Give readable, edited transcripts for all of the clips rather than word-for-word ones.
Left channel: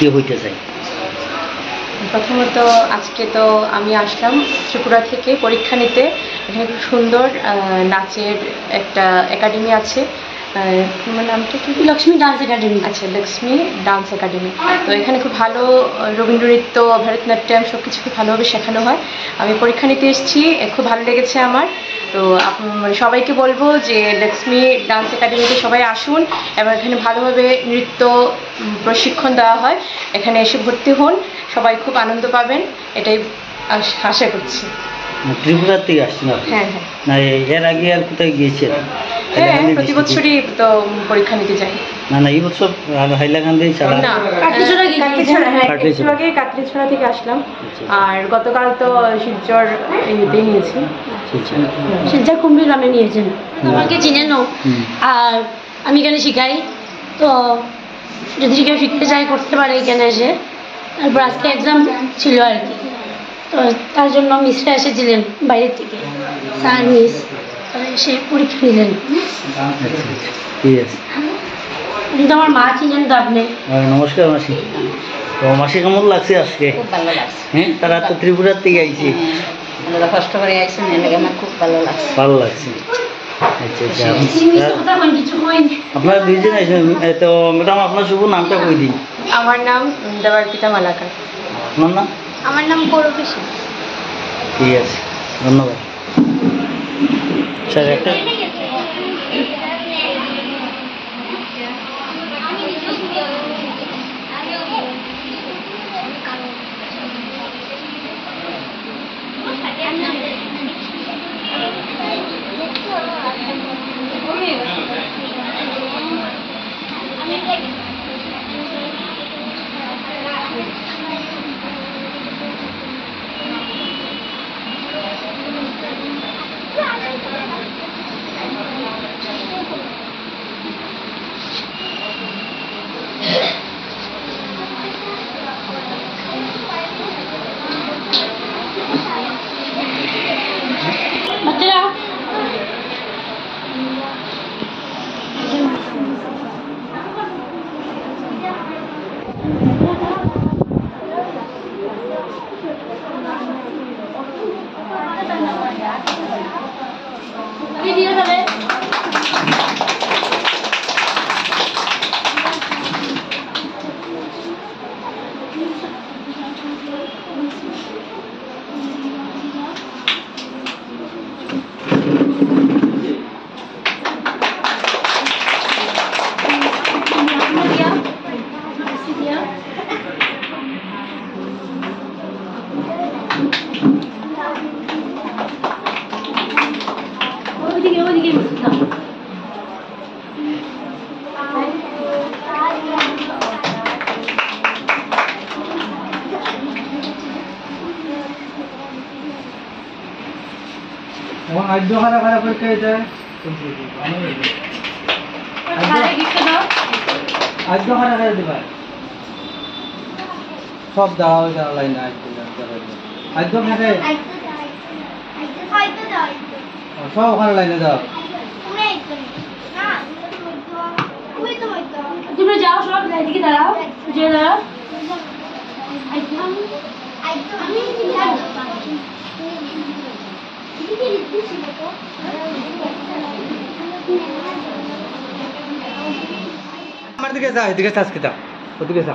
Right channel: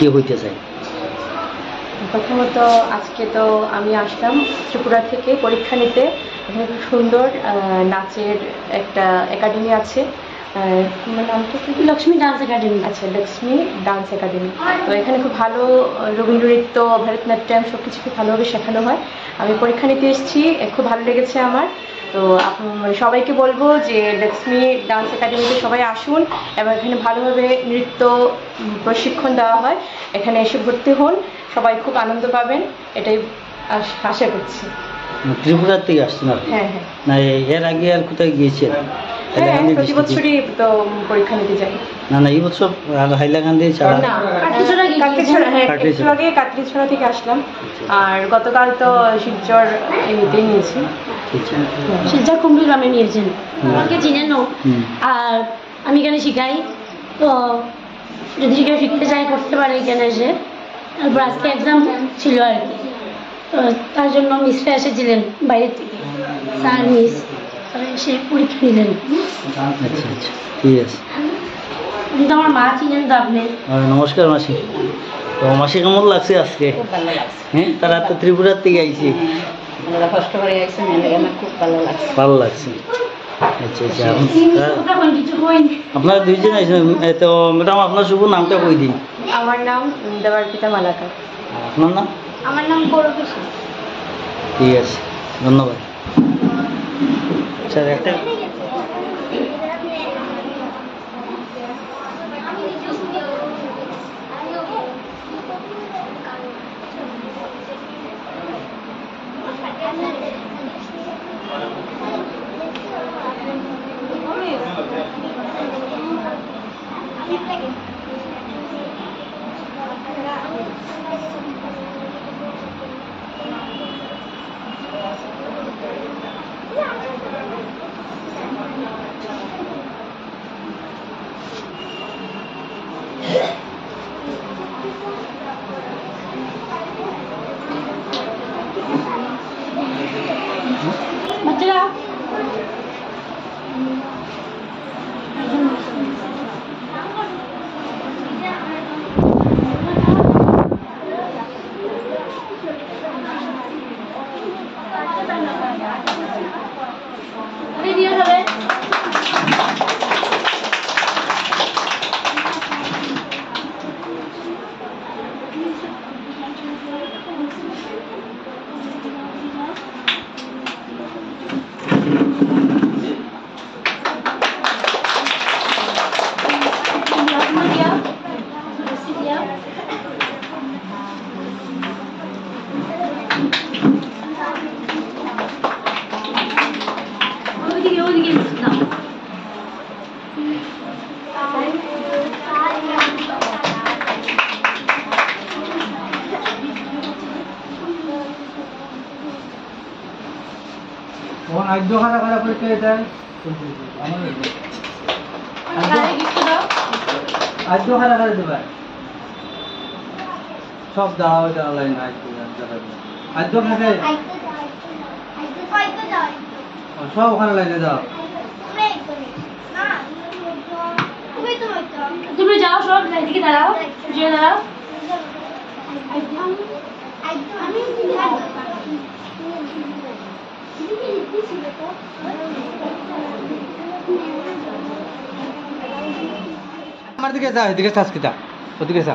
কি হইতে চাই? প্রথমত আজকে তো আমি আসলাম ত্রিপুরা থেকে পরীক্ষা নিতে। এখানে খুব সুন্দর নাচের একটা একাডেমি আছে, তোমার নামটা কি? Lakshmi dance academy. আচ্ছা, লক্ষ্মী ডান্স একাডেমি। তো এখানে খুব ভালো রবীন্দ্রনৃত্য, ভরতনাট্যম সব কিছু খুব ভালোভাবে শেখানো হয়। আমি পরীক্ষা নিতে এসেছি, খুব ভালো লেগেছে আমার। তো মানে সবাইকে বলবো যে লক্ষ্মী ডান্স একাডেমিতে সবাই আসুন এবং এখানে ভালোভাবে নৃত্য প্রশিক্ষণ দেওয়া হয়। এখানে এসে ভর্তি হন, সবাই খুব আনন্দ পাবেন, এটাই আশা করছি। ত্রিপুরার থেকে আসছেন আপনি? হ্যাঁ হ্যাঁ। না এর আগে আর কোথায় গিয়েছেন? হ্যাঁ, প্রতি বছরই তো পরীক্ষা নিতে যাই। না না, এই বছর হাইলাকান্দি ছাড়া? না, কাটলিছড়া থেকে আসলাম। আর গতকাল তো শিলচর ইয়েতেই নিয়েছি, শিলচর কুম্ভী গ্রামে নিয়েছেন। আমাকে চিনে নো। আর আমি এখানে শিখাই, তো যদি কেউ শিখতে চায় করতে পারে এখানে এসে। তারপর আজকে এক্সাম ছিল আর কি, তো তার জন্য মিসরা এসেছিলেন বাইরের থেকে, স্যার মিস, তারা এসে পরীক্ষা নিলেন। ঠিক আছে। কিন্তু আমার মা ছিলেন তো আপনি। নমস্কার মাসি। তো মাসি কেমন লাগছে আজকে? খুব ভালো লাগছে। হ্যাঁ, তারা তো ত্রিপুরার থেকে আইছে। আপনারা কষ্ট করে আইছেন, এলাকা আমার খুব ভালো লাগছে। ভালো লাগছে। আচ্ছা আচ্ছা, আপনারা দুইজন আইছেন। তো ম্যাডাম আপনার শুভ নামটা কই দিন। আমার নাম দেবার্পিতা মালাকার। আপনার নাম? আমার নাম গৌরবেশী। ঠিক আছে, ধন্যবাদ স্যার। একটা বাচ্চারা ভিডিও হবে। আদ্য খারা খারা পরীক্ষা যায়, আদ্য খারা খারা দেবা সব দাও লাইন আদ্য খাতে সব ওখানে লাইনে দাও। তুমি যাও, সব এদিকে দাঁড়াও, যে দাঁড়াও। আমার দিকে যা, এদিকে চাষ কিতা, ওদিকে যা।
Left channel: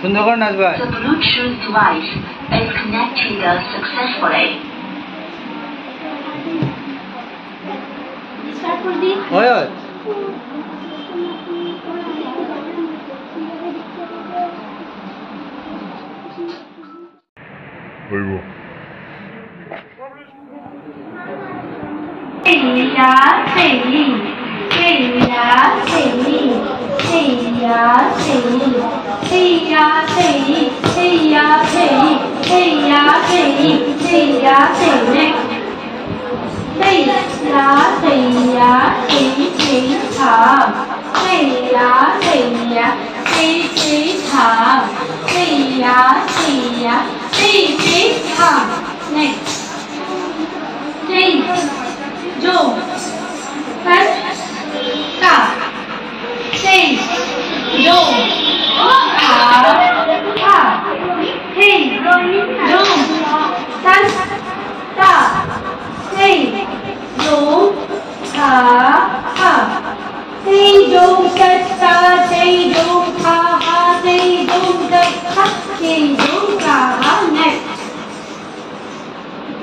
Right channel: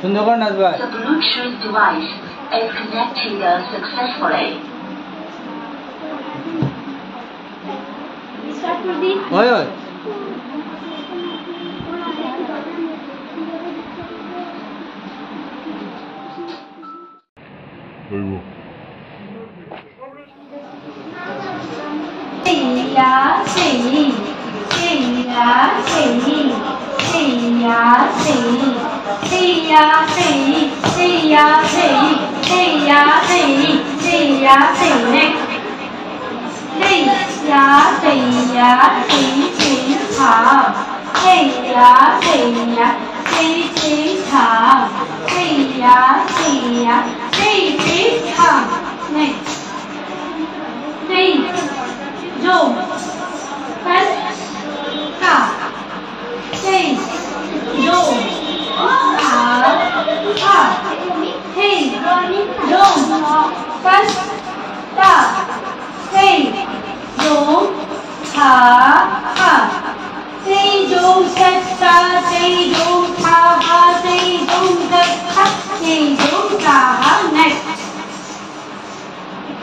সুন্দর করে নাচবা। The Bluetooth device is connected successfully. Start করে দিই। ওই ওই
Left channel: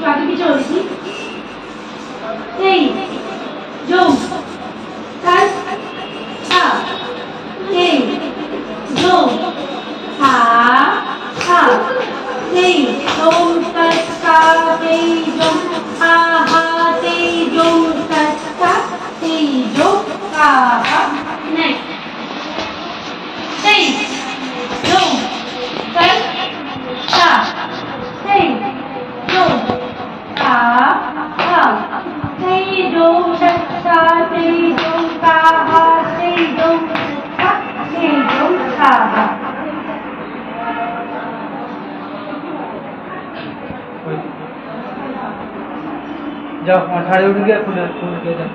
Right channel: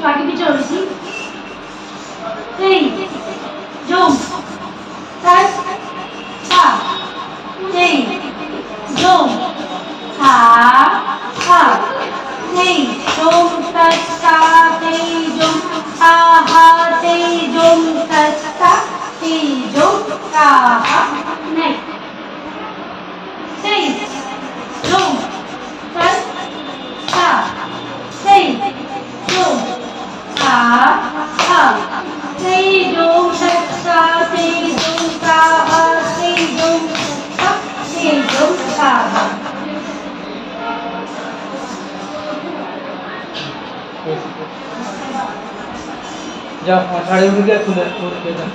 আগে পিছনে দেখি এই জম তাই সা এই জম সা সা এই জম তা সা এই জম সা হা এই জম তা সা এই জম সা হা নেক্সট এই জম তাই সা এই জম সা হা এই জম তা সা এই জম সা হা এই জম সা এই জম সা হা যাও আমার শাড়ি উঠে গিয়ে খুলে খুলে যাও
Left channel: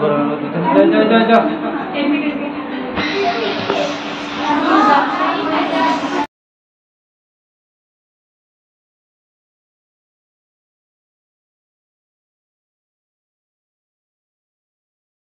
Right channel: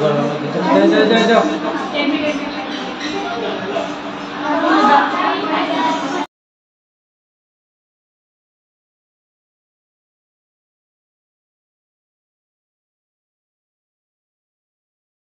গরমের মধ্যে যাও যাও যাও যাও Terima kasih.